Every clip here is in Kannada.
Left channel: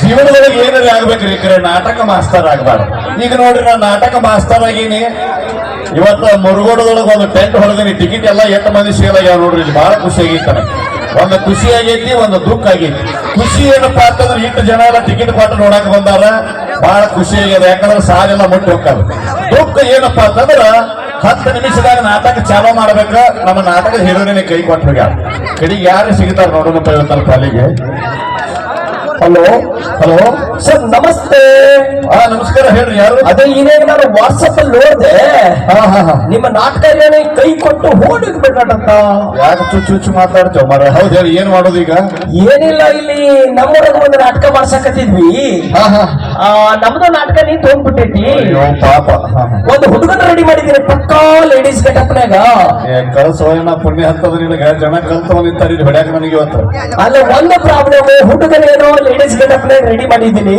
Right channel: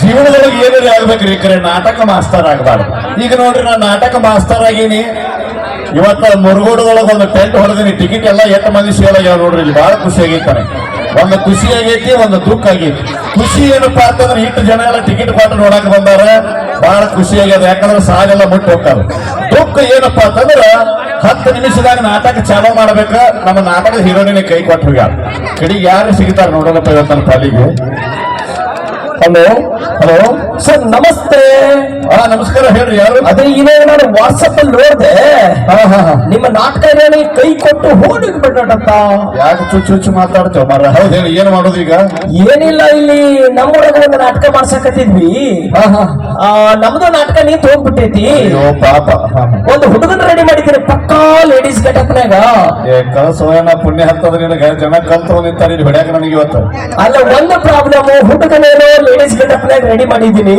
ಜೀವನದೊಳಗೆ ಏನಾರ ಆಗ್ಬೇಕ್ರಿ ಈ ಕಡೆ ನಾಟಕ ಮಾಸ್ತರ್ ಆಗ್ಬಾರ್ದು. ಈಗ ನೋಡ್ರಿ ನಾ ನಾಟಕ ಮಾಸ್ತರ್ ಆಗೀನಿ. ಇವತ್ತ ಮುರುಗೋಡದೊಳಗೆ ಒಂದು ಟೆಂಟ್ ಹೊಡೆದಿನಿ. ಟಿಕೆಟ್ ಎಲ್ಲ 8 ಮಂದಿ ಸೇಲ್ ಆಗ್ಯಾವ ನೋಡ್ರಿ. ಇಲ್ಲಿ ಬಹಳ ಖುಷಿ ಆಗೈತಾನೆ. ಒಂದು ಖುಷಿ ಆಗೈತಿ, ಒಂದು ದುಃಖ ಆಗೈತಿ. ಖುಷಿ ಏನಪ್ಪಾ ಅಂತಂದ್ರೆ ಇಷ್ಟು ಜನ ಎಲ್ಲ ಟಿಕೆಟ್ ಕೊಟ್ಟು ನೋಡಕ್ ಬಂದಾರ, ಬಹಳ ಖುಷಿ ಆಗ್ಯದ. ಯಾಕಂದ್ರೆ ಸಾಲೆಲ್ಲ ಮುಟ್ಟು ಹೋಗ್ತಾರ. ದುಃಖ ಏನಪ್ಪಾ ಅಂತಂದ್ರ 10 ನಿಮಿಷದಾಗ ನಾಟಕ ಚಾಲೂ ಮಾಡ್ಬೇಕ. ನಮ್ಮ ನಾಟಕದ ಹೀರೋನಿನ ಕೈ ಕೊಟ್ಟು ಹೋಗ್ಯಾರ. ಕಡೆಗೆ ಯಾರು ಸಿಗ್ತಾರ ನೋಡೋಣಪ್ಪ ಇವತ್ತನ ಪಾಲಿಗೆ. ಹಲೋ ಹಲೋ ಸರ್ ನಮಸ್ತೆ. ನಮಸ್ಕಾರ, ಹೇಳ್ರಿ ಯಾರು? ಅದೇ ಇವಾಗ ನಾನು ವಾಟ್ಸಪ್ ಅಲ್ಲಿ ನೋಡಿದೆ, ನಿಮ್ಮ ನಾಟಕ ಕೈ ಕೊಟ್ಟು ಹೋಗ್ಬಿಟ್ಟ. ಯಾಕೆ ಚುಚ್ಚು ಮಾತಾಡ್ತೇವ ಮರ? ಹೌದು ಹೇಳಿ, ಏನ್ ಮಾಡೋದು ಈಗ? ಏನಿಲ್ಲ, ಇಲ್ಲಿ ನಮ್ಮೂರಾಗ ಒಂದು ನಾಟಕ ಮಾಡ್ಸಕತ್ತಿದ್ವಿ. ನಮ್ದು ನಾಟಕ ನೀನ್ ಹೋಗ್ಬಿಟ್ಟೈತಿ. ಪಾಪ, ಒಂದು ಹುಡುಗನ ರೆಡಿ ಮಾಡಿದ್ದೀರಿ ಪಕ್ಕಾ ಲೇಡೀಸ್ ಗೆಟಪ್ನಾಗ. ಕಳ್ಸೋಯನ ಪುಣ್ಯ ಹತ್ತದ್ರೆ ನಿನಗ ಜನ ಕಲ್ತವ ನಿಂತಾರ ಹೊಡ್ಯಾಕ ನನಗೆ ಇವತ್ತು. ಅಲ್ಲ, ಒಂದು ಪ್ರಾಬ್ಲಮ್, ಹುಡುಗನೇನೋ ಲೇಡೀಸ್ ಗೆಟಪ್ನಾಗ ರೆಡಿ ಮಾಡಿದ್ದೀನಿ,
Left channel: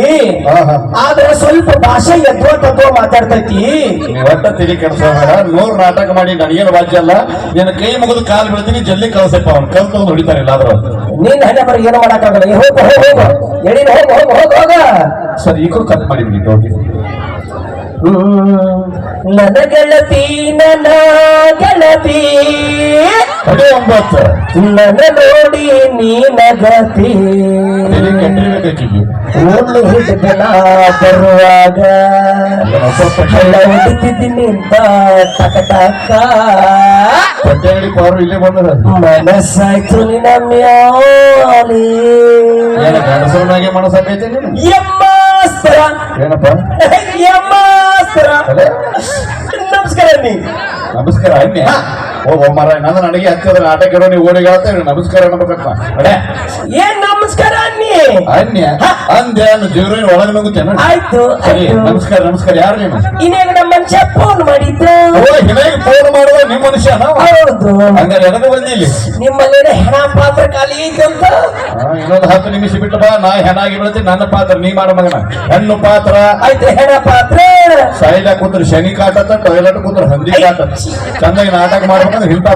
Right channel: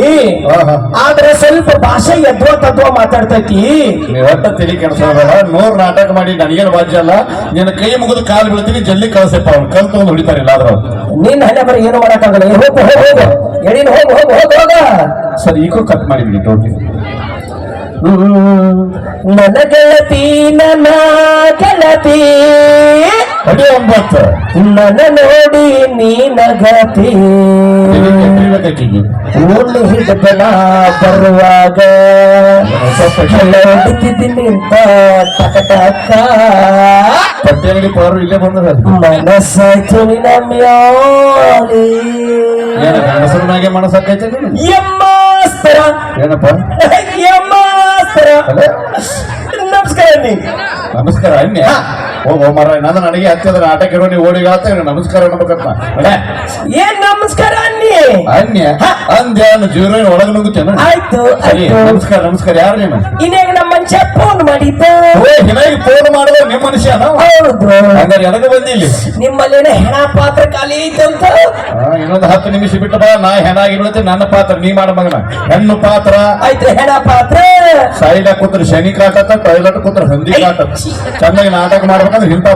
ಆದ್ರೆ ಸ್ವಲ್ಪ ಭಾಷೆ ಎದ್ವಾ ತದ್ವಾ ಮಾತಾಡ್ತೈತಿ. ನೀವ್ ಒಟ್ಟ ತಿಳಿ ಕೆಡ್ಸೋಬೇಡ. 100 ನಾಟಕ ಮಾಡಿ ನನಗೇನು ವಾಜ್ಯ ಅಲ್ಲ. ನಿನ್ನ ಕೈ ಮುಗಿದು ಕಾಲು ಬೀಳ್ತೀನಿ, ಜಲ್ದಿ ಕಳ್ಸಪ್ಪ. ಅವ್ನು ಕಲ್ತು ಹೊಡಿತಾರಿಲ್ಲ ಆದ್ರ ನಿನ್ನ ಹಣೆ ಬರೀ ಏನು ಮಾಡಕ್ಕಾಗಲ್ಲ. ಹೋಗು ಹೋಗು ಎಡಿನ ಹೋಗು ಹೋಗು ಹೋಗ ಹೋಗ. ಸರ್, ಈಗೂ ಕಟ್ ಮಾಡಿಬಿಡಿ ಟೋಪಿ. ನನ್ನ ಗೆಳತಿ ನನ್ನ ಗೆಳತಿ 9 ನನ್ನ ನೋಡಿ ನೀನಗತಿ ಉಳ್ಳು ಹಿಡಿದನ ಬರುವಾಗ ಹೊಡಿತಿದ್ದೀನಿ ಅಂತ ಟಕ ಪವರು ಇಲ್ಲೇ ಬಂದ ಮನಸ್ಸಾಯ್ತು ನಮ್ಯಾಲಿ ಗಣಸರನಾಗೆ ಮನಸ್ಸಾಕೈತೆ ಯಮ್ಮಾಸ್ತರ. ಏನಪ್ಪ ಯಮ್ಮಾಸ್ತರ. ನಮಸ್ಕಾರ ನೀ. ನಮಸ್ಕಾರ ಅನ್ಯ. ಹೋಗೋ ಮರ, ನನಗೆ ಹತ್ತದ ನಾಟಕ ಇರೋ ನೀವು ಓಡಿ ಹೇಳ್ತೇನೆ ನಮಸ್ಕಾರ ಅನ್ಬೇಕಂತ. ಏನ್ ನಮಸ್ಕಾರ ಅನ್ನಿ? ಅನ್ಯ ಅಂದ್ಯ ಜೀವನ ಒಳಗೆ ನುಗ್ಗುತ್ತೇನೆ. ಆಯ್ತು ಸರಿ, ನಮಸ್ಕಾರ ನಮಸ್ಕಾರ. ಯಾರು ನೀನು? ಇನ್ನಾಗ ನಮ್ಮ ಮನುಷ್ಯ ಫೋನ್ ಮಾಡಿದ್ದೆ. ಹಿನಾಗಿ ಫೋನ್ ಮಾಡಿದ ನಿಮ್ಮ ಮನುಷ್ಯ? ಹೌದು. ಹಂಗಾರೆ ಎದಕ್ಕೆ ಬಂದಿ ಇಲ್ಲಿ? ನಿಮ್ಮಲ್ಲೇನೆ ಹೆಣ ಪಾತ್ರ ಖಾಲಿ ಐತಂತ. ಇನ್ನೊಂದು 10 ನಿಮಿಷ ಬಿಟ್ಟು ಬಾ. ನಾ ಹೆಣಾಗಿ ಬೀಳ್ತೀನಿ. ನನ್ನ ಪಾತ್ರ ನೀ ಮಾಡ ಮಗನ. ಹೆಣ್ಣು ಪಾತ್ರ ಆಯ್ತು, ಹೆಣ ಪಾತ್ರ. ಸೈಲ ಕೂತ್ರು ಶನಿ ಕಾಟತ್ತ, ಟೈಲಟ್ ಕೂತ್ರು ಹಂದಿ ಕಾಟ. ಚೆನ್ನಾಗಿ ನಾಟಕ ಮಾಡ್ಬೇಕಂದ್ರೆ ಹಿಂತ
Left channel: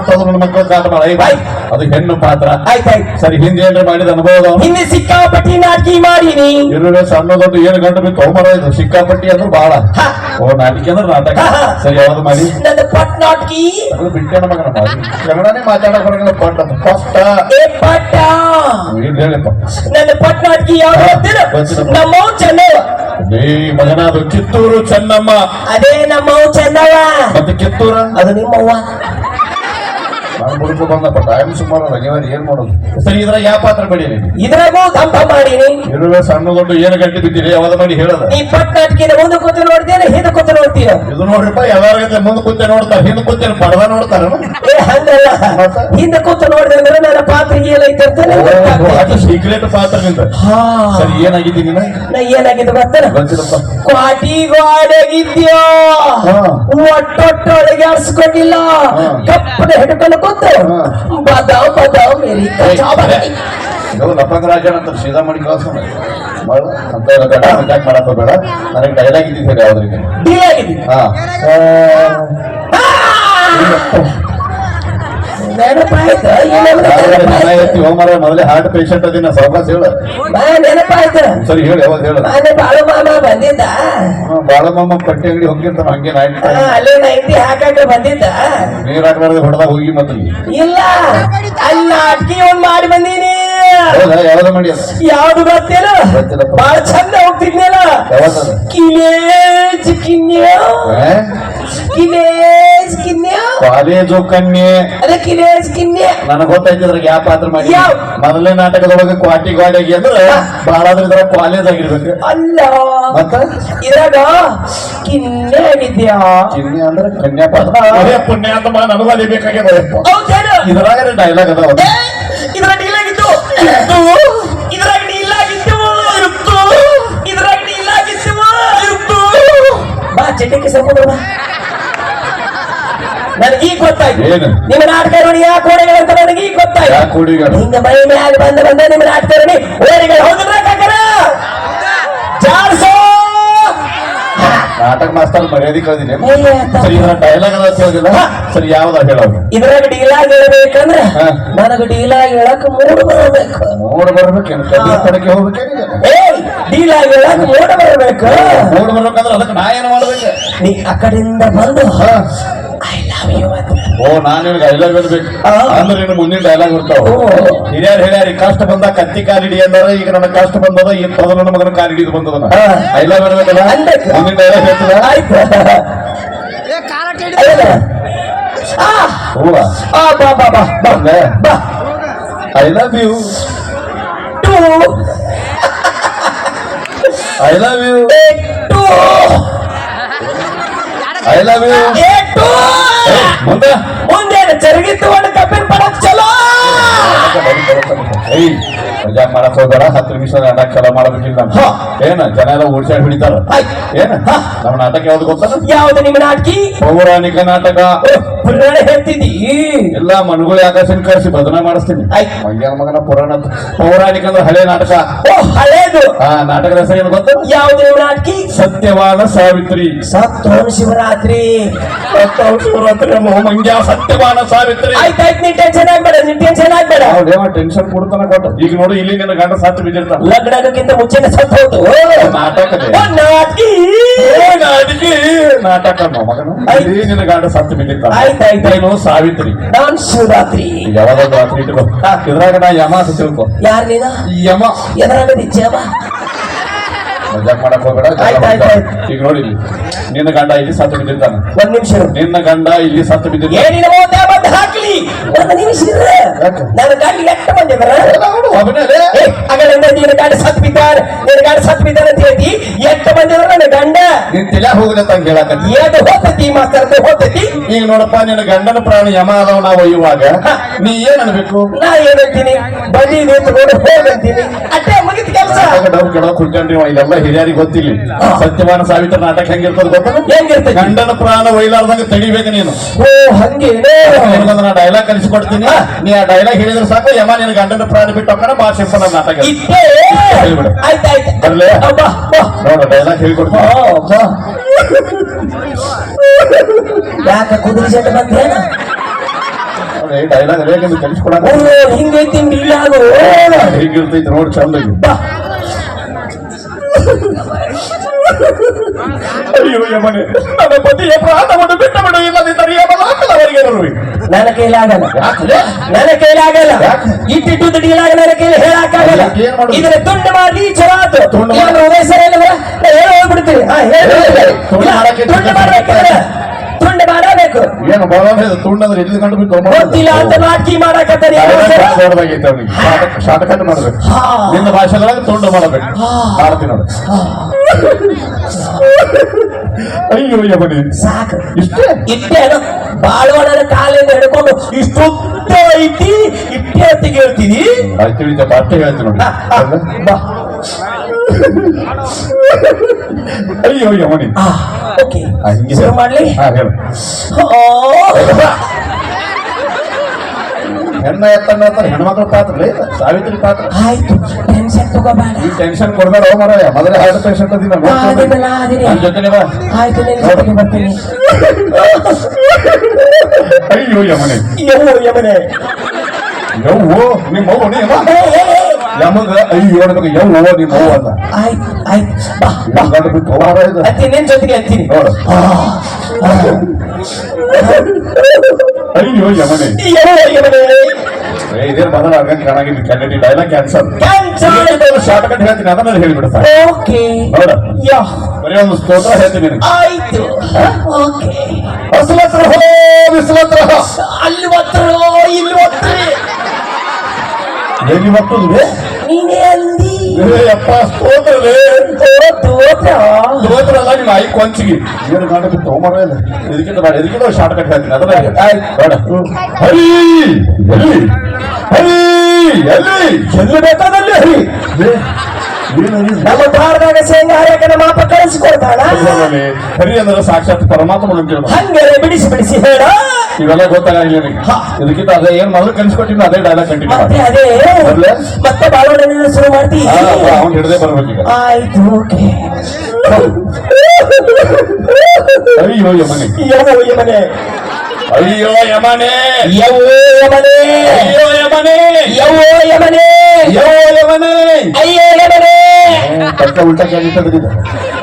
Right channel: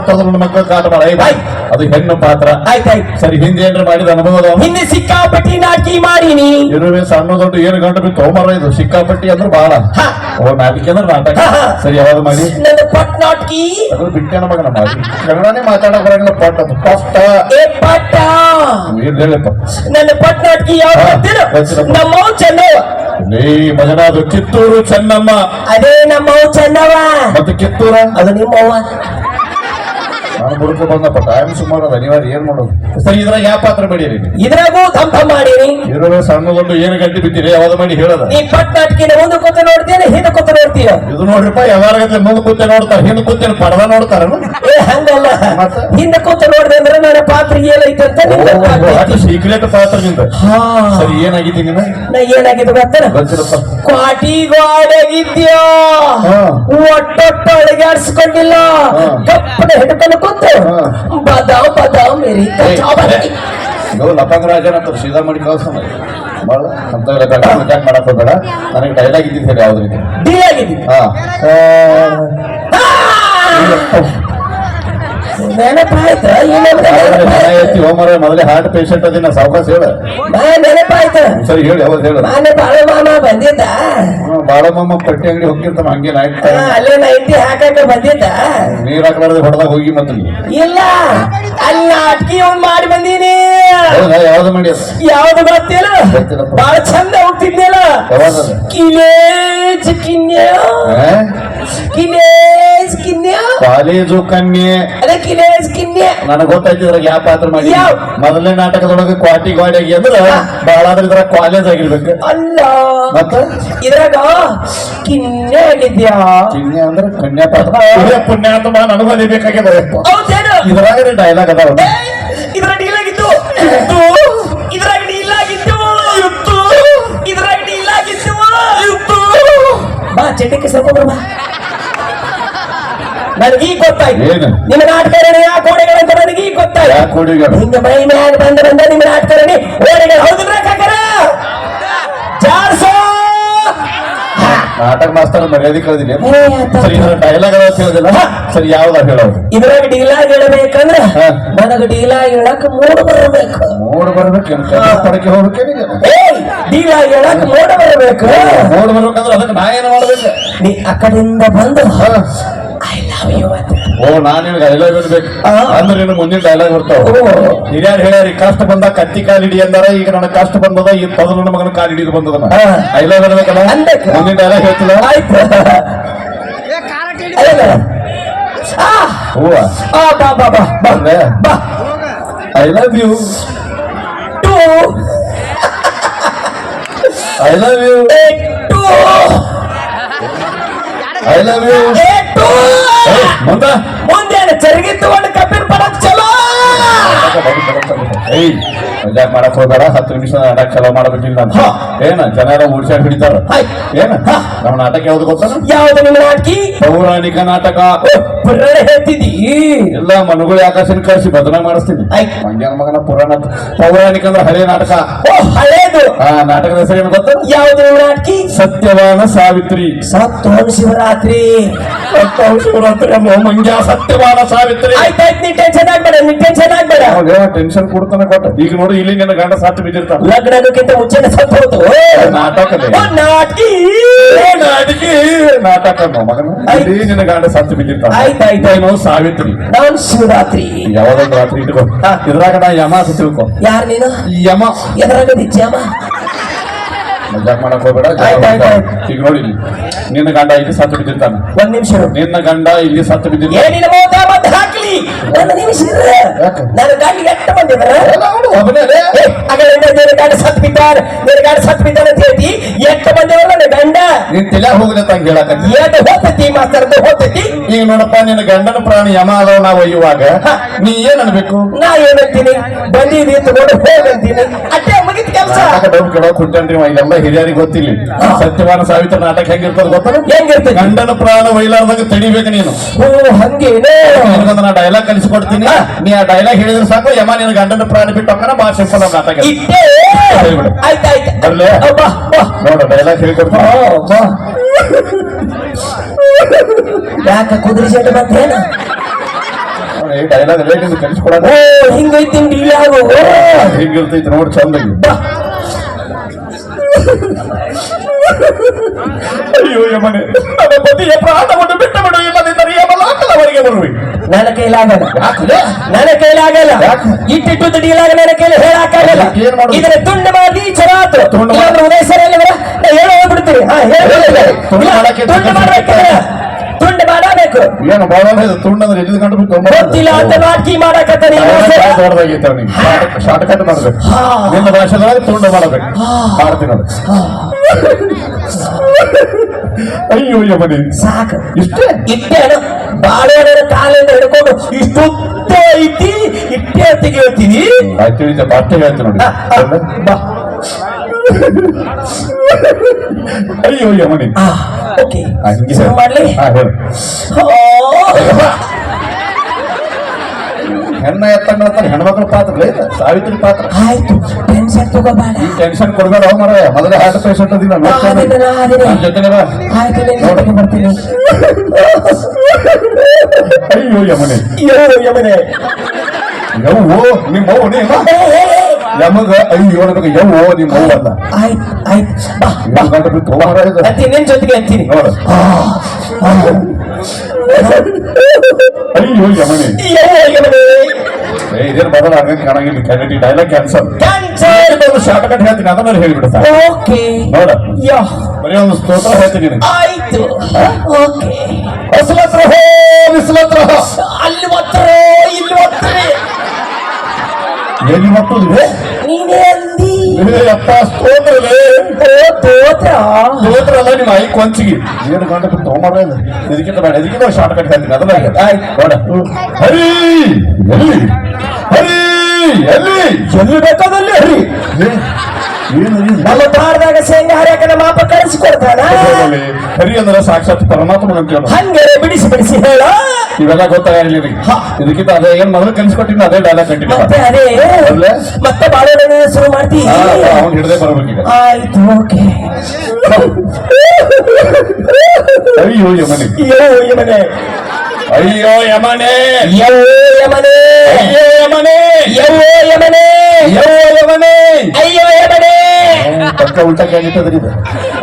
ಮಕ್ಕಳ ಕಾಟ ಮಾಡ. ಅದು ಹೆಣ್ಣು ಪಾತ್ರ. ಆಯ್ತಾಯ್ತು. ಸರಿ, ಹಿಂದೆ ಏನ್ರ ಮಾಡಿದ ಅನುಭವ? ಹಿಂದೆ ಸಿಕ್ಕಾಪಟ್ಟಿ ನಾಟಕ ಮಾಡೀನಿ. ಇರುವೆ ಸಣ್ಣ ದೊಡ್ಡ ಏನು ಗಂಟು ಬಿತ್ತು ಹೋಮರ. ಇದು ಸಿಕ್ಕಾಪಟ್ಟಿ ಅಂದ್ರೆ ಬಾಳ. ನಾಟಕ ಅಂದ್ರೆ ನಾಟಕ. ಸರಿ, ಯಾವ್ದು ಮಾಡಿ? ನನ್ನ ಪಟ್ ನಾಟಕಿ. ಅದು ಬಿಟ್ಟೇನ ಮಗನ ಮಾಡಿ. ಕನ್ನಡನೇ ಮಾತಾಡೋ ಬರಂಗಿಲ್ಲ. ಪಟ್ ಅದು ಪಟ್ಟ. ಏ ಪಟ್ಟ. ಏನ್ ಹೇಳಿಪ್ಪ? ನನ್ನ ಪಟ್ ನಾಟಕಿ ಯಾವ ನಮ್ಮ ಚೆನ್ನವ. ಮಗನ, ಅದು ಕಿತ್ತೂರು ಚೆನ್ನಮ್ಮ. ಅದೇ ನಮ್ಮವ್ ಚೆನ್ನವ. ಮತ್ತೆ ಕಿತ್ತೂರ ಅದು ನಿಮ್ಮವ್ವ. ಬಂದಪ್ಪ ಟೈಮ್ ಸುಮಾರು ಅನಿವಾರ್ಯ. ಏನ್ ಮಾಡೋದು? ಸರಿ, ಇದ್ರಾಗ ಯಾವ ಪಾತ್ರ ಬೆಳೀರಿ? ಇದ್ರಾಗೂ ದಂಪ ಮಾಡೀನಿ. ಇರುವೆ ಸಣ್ಣ ದೊಡ್ಡ ಏನು ಗಂಟೆ ಬಿದ್ದೀರಿ? ಯಾವ್ದು ಮಾಡಿ ಹೇಳದ? ಈ ಪಟ್ ನಾಟಕಿನ ಮುಂದೆ ಕೂತು ನೋಡ್ತೀನಿ, ಹಿಂದೆ ಕೂತು ನೋಡ್ತೀಯ. ಇದು ನೋಡ್ರಿಪ್ಪ, ಯಾವಾಗತ್ತೆ ಮುಂದೆ ಕೂತೆ ನೋಡ್ತಾರ, ಹಿಂದೆ ಕೂತೇನು ಪರ್ದ ನೋಡ್ತಾರ? ಏ ಹಂಗಲ್ಲ, ಹಿಂದೆ ಕೂತು ನೋಡಿದೆ ಅಂದ್ರೆ ನನ್ನ ಪಾತ್ರಿಗೆ ಏನೈತಂತ ಅದು ಸೀಕ್ರೆಟ್ ಪಾತ್ರ ನಿಂದ. ಸರಿ, ಏನಾಗಿದ್ದಿ ನೀನು? ನಾ ಏನಾಗಿದ್ದು ಗೊತ್ತೇನ? ಗೊತ್ತಿರಪ್ಪ. ಕ್ವಾಟಿಗಾಡಾಗಿದ್ಯಾ? ಒಟ್ಟೊಟ್ಟೊಳಗೆ ಆಡ್ಸ್ಕೊಂಡಿಲ್ಲ. ಕಪ್ಪನ ಹಿಡ್ಕೊಂಡು ಕೂತು ಬದಾವ್ ಬದಾವ್ ಮೇರಿ ಲಪಂಗರಾಜನ್ ಅಂತ ಸೀದಾ ಮಾಡಿ ಕಳ್ಸ ಅಂತ ಅಟ್ಯಾಕ್ ಮಾಡಕ್ ಹೋಗ್ಬೇಡ. ನನಗೆ ಡೈಲಾಗ್ ಇದ್ದಿದ್ದು ಹೇಳಿ ಯಾವ್ದ್ರಿಗೆ ಡೀಲ್ ಆಗಿದ್ದೀನಿ. ನೆನಪಾಯ್ತು. ಎತ್ತಿ ಹೋಮರ ಮೊದಲೇ ಹಾರ್ಟ್ ಪೇಷಂಟ್ ಅದಿನ ಸಾವಕಾಶ ಹೇಳ. ನೆನಪಾಯ್ತು. ಸರಿ, ಹೇಳಿ ಯಾವ್ದು ಹೇಳ? ನಾನೇ ಬಾಳು ಮಾಮ ಬಂದಿದ್ದ. ಬಾಳಮ್ಮ ಪಟ್ಟಿ ಅಂಗಡಿ ಹೋಗಿರ್ತಾನ ಹಂಗೇನ ಆಯ್ತು. ಅಲ್ಲೇ 90 ಹಾಕಾಕ ಬಂದಿದ್ದ. ನೀರ್ ಹಾಕ್ಲಾರ್ದು ಹೊಡೆದಾಗ ಹೋಗಿ ಮತ್ತೆ ಇಲ್ಲ, ಅಲ್ಲಿ ನಾಟಕಿ ಒಂದ್ ಮಾಡಿ ಬಂದೀನಿ. ಯಾವ್ದು ಮಾಡಿ? ಯಾವ್ದು ಗೊತ್ತಿಲ್ಲ, ಬಾಳ ಚಂದ ಹೋಗ್ತಿದ್ನಿಲ್ಲ. ಕಿಲೇಜ್ ಕಿನ್ಯ ಕಿಲೇಜ್ ಕಿನ್ಯ ಕಾಲೇಜು ಕನ್ಯೆ. ಅದೇ ಕಿಲೇಜ್ ಕಿನ್ಯ. ನನಗ್ ಗೊತ್ತಾಯ್ತಿದ್ರಾಗ ಯಾವ ಪಾತ್ರ ಮಾಡಿ. ಮೊದಲನೇ ನಾಟಕದೊಳಗೆ ಕ್ವಾಟಿ ಗಾಡಿಗೆ ಅಂದ್ರ ಬಾಳ ಆದ್ರೆ ಇದ್ರಾಗ ಕಾಲೇಜ್ ಆಗಿರ್ಬೇಕು. ಅಲ್ಲ, ಮತ್ತೆ ಇದ್ರಾಗ ಕಿನ್ಯ ಆಗಿದ್ಯಾ? ಕಿನ್ಯ ಅಂದ್ರೆ ಕನ್ಯಾ ಪಾತ್ರ. ಪುಣ್ಯ ಅಂತ ನನಗೂ ಅದೇ ಬೇಕಾಗ್ಯದ. ಇದ್ರಾಗ ಡೈಲಾಗ್ ಅದಾವ. ಇದ್ರಾಗ ಡೀಲ್ ಆಗಿದ್ದು. ಇದ್ರಾಗ ಡೀಲ್ ಆಗಿದ್ದು. ಇದ್ರಾಗ ಡೀಲ್ ಆಗಿದ್ದು. ಬಾ ಚಟಿಕೆ ಸ್ವಲ್ಪ ನನಗೀಗ ಗೊತ್ತಾಯ್ತು. ನಿಮ್ಮ ನಾಟಕರಣಿ ಯಾ ಕೋಡೆಗಳು ಅಂತ ನನಗೀಗ ಗೊತ್ತಾಯ್ತು. ಹಿಂಗ ಮೈ ಮ್ಯಾಲ ಬಂದ ನಿಮ್ಮ ನಾಟಕರಣಿ ಓಡಿಗಳು. ಹೌದ್ರ ಕಾಕರ? ಜಾರ್ಸೋ ನಾಟಕ ಮಾಸ್ತರ್ ಮರ್ಯಾದೆ ಕಳೆದಿಲ್ಲ ಏ, ಆಯ್ತಾ. ಸರಿ ಇದರ ಡೈಲಾಗ್ ಅದ ಕೇಳಿದಿಲ್ಲ ಸರಿ ಯಾವ್ದ ಹೇಳೋದು ಇದ್ರಾಗ ಡೀಲಾಗ್ ಹೇಳ್ಬೇಕಂದ್ರ ಹಾ. ನನಗ ಡೀಲಾಗ್ ಹೇಳಕ್ ಮೂಡ್ ಬರಬೇಕು. ನೋಡ್ ಬರ್ಬೇಕೇನು ಕಡ್ಡಿ ಪಡಕ್ಕೆ ಹೋಗ್ಬೇಕೇನು ಏಯ್ ಡೀಲಾಗ್ ಹೇಳಕ್ ಮೂಡ್ ಬರಬೇಕು. ನೋಡ್ ಬರ್ಬೇಕಂದ್ರೆ ಅದಕ್ಕೆ ನಾ ಏನ್ ಮಾಡ್ಬೇಕು ನೀ ಆ ಕಡೆಯಿಂದ ಬಂದು ಹಾ. ಐ ಲವ್ ಯು ಅಂತ ಓ ನಾನ್ ನಿನಗೆ ಡೈಲಾಗ್ ಅನ್ಬೇಕು ಹಾ. ಅಂದ್ರೆ ಇನ್ನು ಮುಂದಿನ ಡೈಲಾಗ್ ಇರ್ತಾವ ಓ. ಹಿರಿಯರ್ ಹೇಳ್ಯಾರ ಈ ಕಷ್ಟ ಬಂದ ಕತ್ತಿ ಕಾಲಿಡಿ ಅಂದಾರ ಈಗ ನನ್ನ ಕಷ್ಟ ಬಂದದ ಈ ಪದ ನನ್ನ ಮಗನ ಕಾಲಿಡಿದು ಬಂದದ ಹಾ. ಡೈಲಾಗ್ ಅನ್ಬೇಕಲ್ಲ ಅನ್ಬೇಕು. ಮುಂದಿನ ಡೈಲಾಗ್ ಹೇಳ್ತಿಲ್ಲ ಆಯ್ತು ಅಲ್ಲ. ಆ, ಹೂವ ಆ, ಬಾ ಬಾ ಬಾ ಬಾ ಅದೇ. ಬಾ I love you too I love you too I love you too ಮುಂದ ಮುಂದೇನು ಚರಗಿ ತಗೊಂಡು ಕಬ್ಬಿನ ಪಡಕ್ ಚಲೋ. ಏಯ್ ಮಜಾಕ್ ಮಾಡಕ್ ಹೋಗ್ಬೇಡ 10 ನಿಮಿಷ ನಾಟಕ ಚಲೋ ಮಾಡಬೇಕಿಲ್ಲ ಅಂತ ಹಾ. ಏನ ಜನ ಎಲ್ಲ ಓಡ್ಸಾಡ್ ಹಿಡಿತಾರ ಹಾಯ್. ಏನ ಹಾ. ನಮ್ಮ ನಾಟಕ ಯಾವ್ದು ಗೊತ್ತಾನ ಯಾವ್ದು ನಿಮ್ಮ ನಾಟಕಿ ಪೌರಾಣಿಕ ನಾಟಕ ಪುರಾಣ ಹೇಳ್ತಿದ್ದಿ. ಎಲ್ಲ ಮನುಗಳು ಆಕಾಶನ ಕರೆಸಿ ಬದನ ಮಾಡಿಸ್ತೀನಿ ಆಯ್ತ್. ಮಂಗ್ಯಾನ ಮಗನ ಪುರಾಣ ಅಂತ. ಪೌರಾಣಿಕ ಅಂದ್ರೆ ಹಳೆ ನಾಟಕ ಓ ಹಳೇದು. ಆ ನಾಟಕದ ಹೆಸರು ಏನು ಗೊತ್ತ ಯಾವ್ದು ನಿಮ್ಮ ನಾಟಕಿ? ಸತ್ಯವಾನ ಸಾವಿತ್ರಿ ಸತ್ತೋನ್ ಶಿವರಾತ್ರಿ. ಸತ್ಯವಾನ ಶಿವರಾತ್ರಿ ಅಮ್ಮ ಮಂಗ್ಯ ಸತ್ಯವಾನ ಸಾವಿತ್ರಿ ಆಯ್ತಾಯ್ತು ನೀ ಟೆನ್ಷನ್ ಆಗ್ಬೇಡ, ನೀ ಟೆನ್ಷನ್ ಆಗ್ಬೇಡ. ಅವ್ನೇನೋ ಟೆನ್ಷನ್ ಕೊಡ್ತಾನ ಕೊಟ್ಟ ಈಗ ನೋಡಿ ಇಲ್ಲಿ ನಿನ್ನ ಗಂಡ ಸತ್ತು ಬಿದ್ದಿರ್ತಾನ ಲಗ್ನ ಆಗೋಕ್ಕಿಂತ ಮುಂಚೆನೆ ಸತ್ತು ಹೋತು. ನಾಟಕದೇ ನಾಟಕಿ ನಾಟಕಿ ನಾಟಕ ಮಗನ ಇಲ್ಲಿ ನಿನ್ನ ಗಂಡ ಸತ್ತು ಬಿದ್ದಿರ್ತಾನ ಆಯ್ತಾಯ್ತು. ಏನು ಸಾವಿತ್ರಿ ನಾನ್ ಶಿವರಾತ್ರಿ. ಯಾವ್ದೊಂದು ರಾತ್ರಿ ಇಟ್ಕೋ ಹಾ. ಇದ್ರಾಗ ನಾ ಯಮ ಅಂತ ತಿಳ್ಕೊ ಯಾರ್ ನೀನು? ಯಮ ಎದ್ರಾಗ ನಿಜಮ್ಮ? ಮಜಾಕ್ ಮಾಡಕ್ ಹೋಗ್ಬೇಡ ಆಯ್ತಾಯ್ತು. ಈಗ ನೋಡಿ ಇಲ್ಲಿ ನಿನ್ನ ಗಂಡ ಇಲ್ಲಿ ಸತ್ತು ಬಿದ್ದಿರ್ತಾನ ಒಂದ್ ನಿಮಿಷ ಇರು. ನಿನ್ನ ಗಂಡ ಇಲ್ಲಿ ಸತ್ತು ಬಿದ್ದಿರ್ತಾನ ಏನಿನ ಮೋತೆ ಬಂದು ಹಾಕ್ಲಿ. ಒಂದು ನಿಮಿಷ ಇರು. ಯಾಕೆ? ನನ್ನ ಗಂಡ ಎಷ್ಟು ಬಂದಿದಾರ? ಒಬ್ಬನೇ ಹಾಗಾದ್ರೆ ನಿನ್ನ ಗಂಡ ಸತ್ ಬಿದ್ದಾರ, ನಿನ್ನ ಗಂಡ ಸತ್ ಬಿದ್ದಾರ ಅಂತ ಹೇಳಿ ಎಷ್ಟು ಬಂದಿದಾರ ನನ್ನ ಗಂಡ? ನಿನ್ ತಲೆ ಹೋಗದ ತಂಗ ಹೇಳಕತ್ತಿ ಏದು ಹೋಗ್ತೈತಿ ಮಾಸ್ತರ್ ಅಂತ ಹೋಗ್ತೈತಿ. ಈಗ ನೋಡಪ್ಪ ನಿನ್ನ ಗಂಡನ ಪ್ರಾಣಿ ಯಮ ಅದಾವ ನಾವು ಒಯ್ಯುವಾಗ ನೀ ಏನ್ ಅನ್ಬೇಕು ನಾ ಏನಂತೀನಿ? ಬಂದಿದೆ ತಗೊಂಡು ಹೋಗಂತೀನಿ ಅಷ್ಟೇ ಮುಗಿದ ಕೆಲಸ. ನಾಟಕ ಡಬ್ ಕೆಡಕ್ ಹುಟ್ಟನ್ರಿ ಇದೆಲ್ಲ ಹಿರಿಯರಿಗೆ ಗೊತ್ತಿಲ್ಲ ಸತ್ಯವಾನ ಸಾವಿತ್ರ ನಾಟಕ ಹೆಂಗಿರ್ತದ ಗೊತ್ತಾನ ಹೆಂಗಿರ್ತೈತಿ? ಗಂಡನ ಪ್ರಾಣ ಒಯ್ಲಾರ್ದಾಗ ತಡಿಬೇಕು ನೀನು ಓ ಹಂಗೇನೆ. ನಿನಗೊಂದು ನಾ ಡೈಲಾಗ್ ಕಲಿಸ್ಕೊಡ್ತೀನಿ ನೀ ಆ ಡೈಲಾಗ್ ಹೇಳಿದ್ರೆ ಸಾಕು ಯಮ ನಿನ್ನ ಗಂಡನ ಪ್ರಾಣ ಬಿಟ್ಟು ಹೋಗ್ತಾನ ಬಾ ಸಿಂಪಲ್ ಆಗಿ ನಾಟಕ ಇಟ್ಟೆ. ಆಯ್ತಾಯ್ತು. ಬರ್ಲೆ? ಬಾ ಬಾ. ನೋಡ ಡೈಲಾಗ್ ಹೇಳಿಕೊಡ್ತೀನಿ ಬಾ. ಯಾಕ ಕುದುರೆ ಸೆಟ್ ಬಂದೇನು? ಡೈಲಾಗ್ ನಿಮ್ಗೆ ಕಲಿಸ್ಕೊಡೋದು ಓ ಹಿಂಗೈತಿ ಯಾರು? ಹೇಗಿರ್ತೈತಿ ನೋಡಿ ಚಂದ ಬಾ. ಅಯ್ಯೋ ಯಮನೆ ನನ್ನ ಪತಿಯ ಪ್ರಾಣವನ್ನು ಬಿಟ್ಟು ಬಿಡು ಇಲ್ಲದಿದ್ದರೆ ಯಮಲಾಕಲವರಿಗೆ ಬರುವೆ ನನ್ನ ಕೈಲಾಗಲ್ಲ, ಯಾಕೆ? ನನ್ನ ಕೈಲಾಗಲ್ಲ. ಯಾಕೆ? ಇಟ್ಟಿಟ್ಟು ದುಡಿಯಲಾಗ ನನ್ನ ಕೈಲಿ ಹೇಳಕ್ಕಾಗಲ್ಲ. ಅದಕ್ಕೆ ಏನ್ ಮಾಡುದು? ಇದರ ತುಂಡು ಮಾಡಿ ಚರಾತು ತುಂಡು ಮಾಡಿ- ಇಲ್ಲಾಂದ್ರೆ ಉದಯ ಸರ್ ಹೇಳಿದ್ರೆ ನಾ ಹೇಳಿ ಹೋಗ್ಬಿಡ್ತೀನಿ. ಹಾ ಹೇಳಿ ತುಂಡು ಮಾಡಕ್ಕೆ ತುಂಡು ಮಾಡ್ಬೇಕಂದ್ರೆ ತುಂಡು ಮಾಡಬೇಕು. ಏನು ಬಾಳ ತುಂಡಂದ್ರೆ ಎಲ್ಲಿ ಕಂಡು ಬಿಟ್ಟು ಗೊತ್ತಿಲ್ಲ ಅಂತ ನಾಟಕಿ ಮಾಡಕತ್ತಾನೆ. ದೊಡ್ಡದಾಗಿತ್ತು ಅವನಿಗೆ ಶಾರ್ಟ್ ಕಟ್ ಮಾಡ್ಬೇಕು ಹಾ. ನಿನ್ನ ಭಾಷೆದೊಳಗೆ ತುಂಡು ಮಾಡಬೇಕು ಮಾಡ್ತೀನಿ ನೋಡು ಅಯ್ಯೋ ಯಮನಿ ಸಾಕು ಇಷ್ಟೇ ಇಟ್ಟೇನು ಬಾಳೋಣರ ಕಾಲಿಂದ ಹಿಡ್ಕೊಂಡು ಇಷ್ಟುದ್ದ ಐತಿ ಇಟ್ಟೆ ಹೊತ್ತಿಗೆ ಹೇಳ್ತೀನಿ. ತಿಳಿದ ಬಟ್ಟೆ ಹೇಳ್ತೀನಿ ನೋಡಿ ಬಾ. ಅಯ್ಯೋ ಯಮನಿ ಓಕೆ ಹಂಗೆ ಶುರು ಮಾಡ್ಲಿ. ಹಾ ಹೇಳು ಓ, ಹೆಣ್ಣ ಎತ್ತಣ್ಣ ಅಂತಾರೆ ಹೆಣ್ಮಕ್ಳ ಪಾತ್ರ ಐತ ಸಾವಿತ್ರಿ ಪಾತ್ರ ಆಯ್ತು ಟೆನ್ಷನ್ ತಗೋಬೇಡ. ಈ ಟೆನ್ಷನ್ ಕೊಡ್ಬೇಡ ಅವ್ ಮರ ಮೊದಲೇ ಹಾರ್ಟ್ ಪೇಷಂಟ್ ಅದಿ ನಮ್ಮ ನನ್ನ ಜೊತೆನೆ ಬಾ ಆಯ್ತು ನಿನ್ನ ಜೊತೆಗೆ ಬರ್ತೀನಿ. ಅಯ್ಯೋ ಯಮನೆ ಯಮನೆ ಯವ್ವೋ ನಿಮ್ಮ ಅವ್ವ ನೀ ಯಮಗ ಅಯ್ಯೋ ಅನ್ನಬೇಕು ಯವ್ವೋ ನಿಮ್ಮ ಅವ್ವ ಅಲ್ಲ ಆಯ್ತು ಆಯ್ತು ಬಾ. ಇವ್ನ್ ಗಂಡ ಬಿಟ್ಟು ಹೋಗಾರ ಇದು ಅಂತೀನಿ ನಿನ್ ಜೊತೆಗೆ ಅಂತೀನಿ. ನೋಡು ಅಯ್ಯೋ ಯಮನೆ ಇದೇನು ಬದಲ ಆಗಂಗೆ ಕಾಣಂಗಿಲ್ಲ candidate dialogue cancel short cut ಹೇಳ್ತೀನಿ ಅದನ್ನ ಹೇಳಿಬಿಡ್ತಾ ಓಕೆ ನೋಡ ಯಾ ಬರೀ ಒಂದು ಸ್ತೋತ್ರ ಹೇಳ್ತೀನಿ ನಿನಗೆ ಆಯ್ತು ಓಕೆ. ಹಸ್ಲತ್ರ ಹೋ ಬಿಸ್ಲತ್ರ ಹೋ ಅಲ್ಲಿ ಒತ್ತರೋ ಇಲ್ಲಿ ಒತ್ತರೆ ಎಲ್ಲಿ ಮಕ್ಕಳಿವೆ ನೀನೇ ಅಂದಿ. ಅಪ್ಪ ಸ್ತೋತ್ರವೇ ಸ್ತೋತ್ರ ಅಲ್ಲ ನಿಮ್ಮ ಆಯಿ ಕೊಂಚಿಗೆ ಏನು ಗಂಡ ಬಿಟ್ಟು ಹೋಗೋಣ ಇಲ್ಲ ಇದಕ್ಕಿಂತ ಬೇಡ ಇದಕ್ಕಿಂತ ಶಾರ್ಟ್ ಕಟ್ ಹೇಳ್ತೀನಿ ಅದನ್ನ ನೋಡ ಹರಿ ಎಲ್ಲಿ ಹರಿ ಎಲ್ಲಿ ಎಲ್ಲಿ ಬೇಕಾದಲ್ಲಿ ಹರಿ ಏನು ನಮ್ಮ ಬಾರದಾಗ ಶೇಂಗಾ ಹರಿಯಕನ ಮಾಪ ಕಳಿಸಿಕೊಡ್ತಾನ. ಹರಿ ಅಂದ್ರೆ ಸಾಕ್ಷಾತ್ ಪರಮಾತ್ಮ ಅಂತ ಹಂಗಾರೆ ಬಿಡಿಸಿ ಬಿಡಿಸಿ ಹೇಳ. ಇವೆಲ್ಲ ಗೊತ್ತಾಗಲಿಲ್ಲ ಇದಕ್ಕಿಂತ ಅದೇ ಏನ್ ಮೊದಲು ಕಲಿಸ್ಕೊಟ್ಟಿನ ಅದೇ ಡೈಲಾಗ್ ಕಂಟಿನ್ಯೂ ಮತ್ತೆ ಅದೇ ಮತ್ತೆ ಬಾಳೋಣ ಶುರು ಮಾಡ್ತೀವಿ. ಅವ್ನು ಹಿಡದೆ ಬರ್ಬೇಕೀಗ ಆಯ್ತು ಓಕೆ. ಅಯ್ಯೋ ಯಮನೆ ಯೋ ಯಮನೆ ಅಯ್ಯೋ ಯಮನೆ ಯವ್ವೋ ಯಮನೆ ಅಯ್ಯೋ ಯಮನೆ ಯವ್ವೋ ಯಮನೆ ಯೋ ಯಮನೆ ಅಯ್ಯೋ ಯಮನೆ ಪಕ್ಕ ಉಲ್ಟಾ ಕೇಳಿಟ್ಟದ್ರಿ ಇದು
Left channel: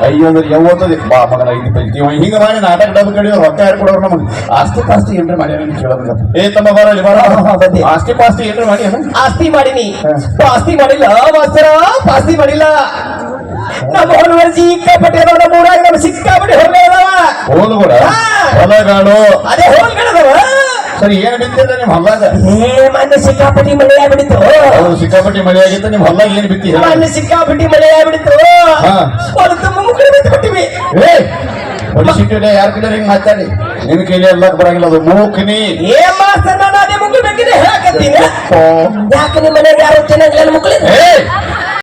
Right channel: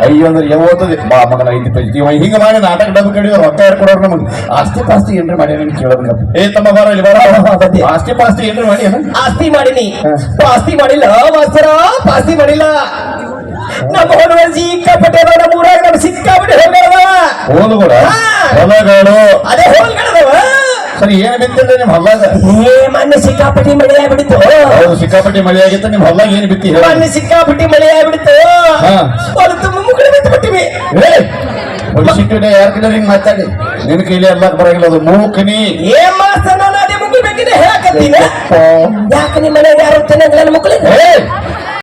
ಅಯ್ಯೋ ಅಂದ್ರೆ ಯಾವತ್ತದ ಬಾ ಮಗನ 5 ಪೈಕಿ ಹಿಂಗ ಮಾಡಿ ನಾಟಕ ಡಬ್ಬ ಕಡಿಯೋ ರೊಕ್ಕ ಯಾರು ಕೊಡೋರು ನಮಗೆ ಆಸ್ತಿ ಪಾಸ್ತಿ ಏನ್ರಿ ಮಾಡ್ಯಾರ ಕೇಳೋದಂಗ ಏ ತಮ್ಮ ಬಾರ ಇಲ್ಲಿ ಬಾರ ಆಸ್ತಿ ಪಾಸ್ತಿ ಏನ್ರಿ ಮಾಡಿ ಆಸ್ತಿ ಮಾಡಿನಿ ಪಾಸ್ತಿ ಮಾಡಿಲ್ಲ ಮಾಸ್ತರ ಪಾಸ್ತಿ ಮಾಡಿಲ್ಲ ನಮ್ಮ ಹೊಲವರ್ಜಿ ಸಿಕ್ಕಾಪಟ್ಟೆ ಅದಾವ ನಮ್ಮ ಊರಾಗ ನಮ್ಮ ಸಿಕ್ಕಾಪಟ್ಟೆ ಹೊಲಗಳದಾವ ಹೋದು ಕೂಡ ಹೊಲಗಾಡು ಅದೇ ಹೊಲಗಳದಾವ ಸರಿ ಏನ್ ಬಿತ್ತಿಲ್ಲ ನಿಮ್ ಹೊಲ್ಲಾಗ ಏ ಮೊನ್ನೆ ಸಿಕ್ಕಾಪಟ್ಟಿ ಮಳೆ ಆಗ್ಬಿಡಿತು ಹೌದು ಸಿಕ್ಕಾಪಟ್ಟಿ ಮಳೆ ಆಗಿತ್ತು ನಿಮ್ ಹೊಲ್ಲಾಗ ಏನ್ ಬಿತ್ತಿ ಹೇಳ ಮೊನ್ನೆ ಸಿಕ್ಕಾಪಟ್ಟಿ ಮಳೆ ಆಗ್ಬಿಡಿತು ಹಾ. ಅದು ತುಂಬ ಮುಕ್ಕಳು ಬಿತ್ತು ಬಿಟ್ಟಿವಿ ಏ ಹೊಲಿಸಿಟ್ಟಿಲ್ಲ ಯಾರ ಕಡೆ ಹಿಂಗ್ ಮಾತಾಡಿ ನಿನ್ ಕೈಲಿ ಎಲ್ಲಾಕ್ ಬರಂಗಿಲ್ಲ ಅದು ಮೂಕ್ನಿ ಏ ಮಾಸ್ತರ ನಾನು ಅದೇ ಮುಕ್ಕಳು ಬೇಕಿದೆ ಹೇಳಕತ್ತೀನಿ ಯಾಕೆ ನಿಮ್ಮ ಮನೆಗೆ ಯಾರು ಚೆನ್ನಾಗಿಲ್ಲ ಮುಕ್ಕಳು ಏ